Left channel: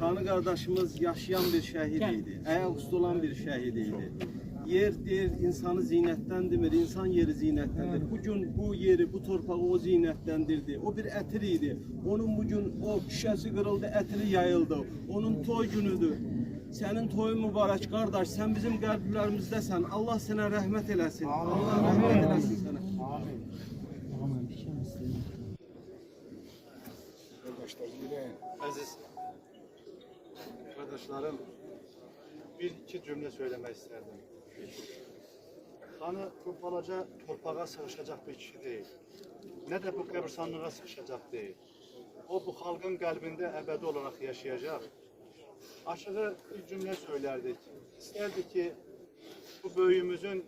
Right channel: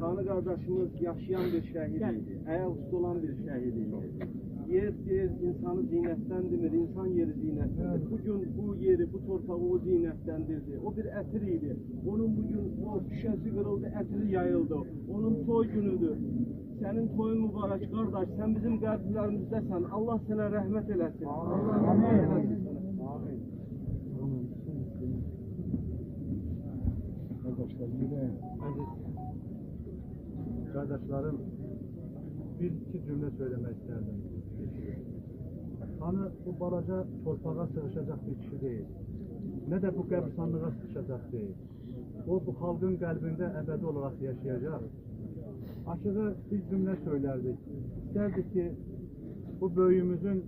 Kanı kardeşimiz yaşayan bir şehidiydi. Ayaküstü olan bir şehidiydi. Yer der insanı zinetlendirmir, insan yeri zinetlendir. Bugün bu yeri, bu torpağı o zinetlendirdi. O bir etiriydi. Onun bugün o şişesi kırıldı, etiri yayıldı. Onun toy günüdür. Senin toyun mübarek kardeş, sen bizim kalplerimizdesin. Allah sana rahmet eylesin. Allah rahmet eylesin sana. Aziz kardeşlerim, bir iki cümle söylemek isterdim. Hani bu balaca torpağa sığışacak bir kişi değil. Ne de bu qəbirstanlığa sıkışacak değil. O bu halkın kalbinde ebedi olarak yaşayacak. Aşığı bir cümle söylerdik. İsterdik ki bu böyüğümüzün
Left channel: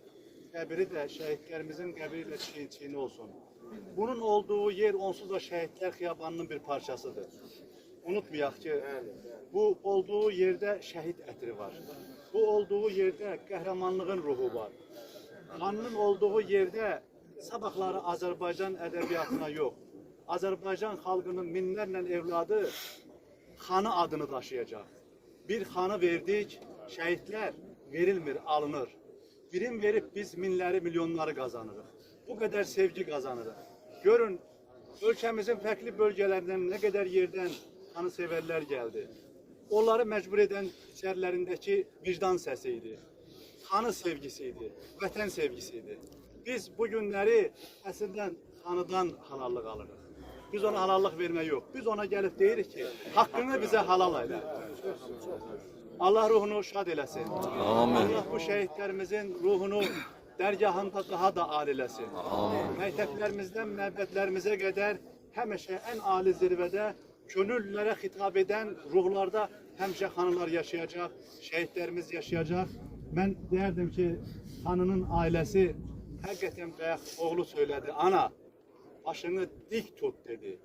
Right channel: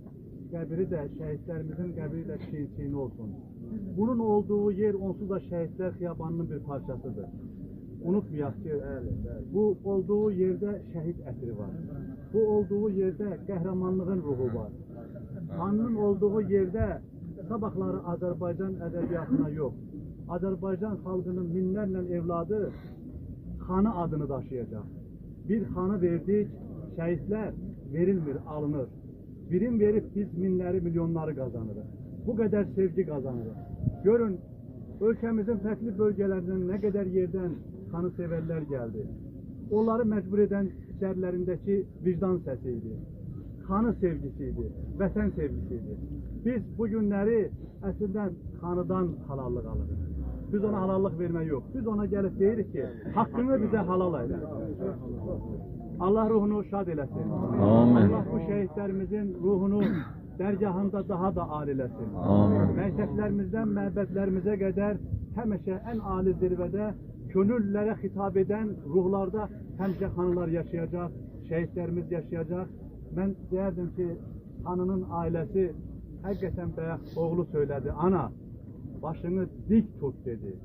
qəbri de şehitlerimizin qəbri de çiğ olsun. Bunun olduğu yer onsuz da şehitler xiyabanının bir parçasıdır. Unutmayaq ki bu olduğu yerde şehit etiri var. Bu olduğu yerde qəhrəmanlığın ruhu var. Kanının olduğu yerde sabahları Azərbaycan ədəbiyyatına yok. Azərbaycan xalqının minlərlə evladı xanı adını daşıyacak. Bir xanı verdik, şehitler verilmir, alınır. Birim verip biz minləri, milyonları kazanırıq. Bu kadar sevgi kazanırıq. Görün, ölkəmizin farklı bölgelerinden ne kadar yerden kanı severler geldi. Onları mecbur eden içerilerindeki vicdan sesiydi. Kanı sevgisiydi, vətən sevgisiydi. Biz bu günləri əslində kanıdan halallıq alırıq. Biz ona halallıq vermək yok. Biz ona gelip deyirik ki, hakkını bize halal eyle. Allah ruhunu şad eləsin. Amin. Allah bu şehitlerimizin ruhunu dergahında daha da alilesin. Mekteplerimizden məbədlərimizə qədər həmişə en ali zirvede gönüllere hitap eden ruhlarda həmişə xanılar yaşayacak, şehitlerimiz yaşayacak. Ben derdim ki hanının ailesi hakikaten bayaq oğlu söyledi. Ana başını dik tut dedi.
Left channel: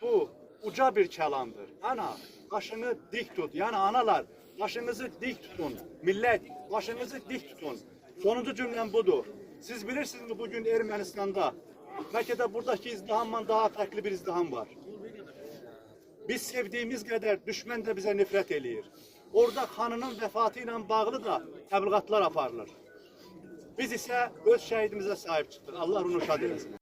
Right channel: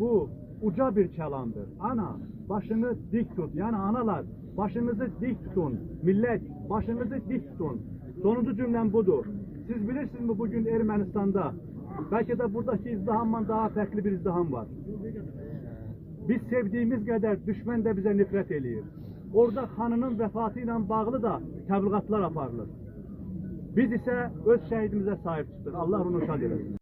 Bu uca bir kelamdır. Ana başını dik tut. Yani analar başınızı dik tutun. Millet başınızı dik tutun. Sonuncu cümlem budur. Siz bilirsiniz mi bugün Ermenistan'da belki de buradaki izdihamdan daha farklı bir izdiham var. Biz sevdiğimiz kadar düşman da bize nefret eləyir. Orada xanının vefatıyla bağlı da təbliğatlar aparılır. Biz ise öz şehidimize sahip çıktık. Allah onu şad eləsin.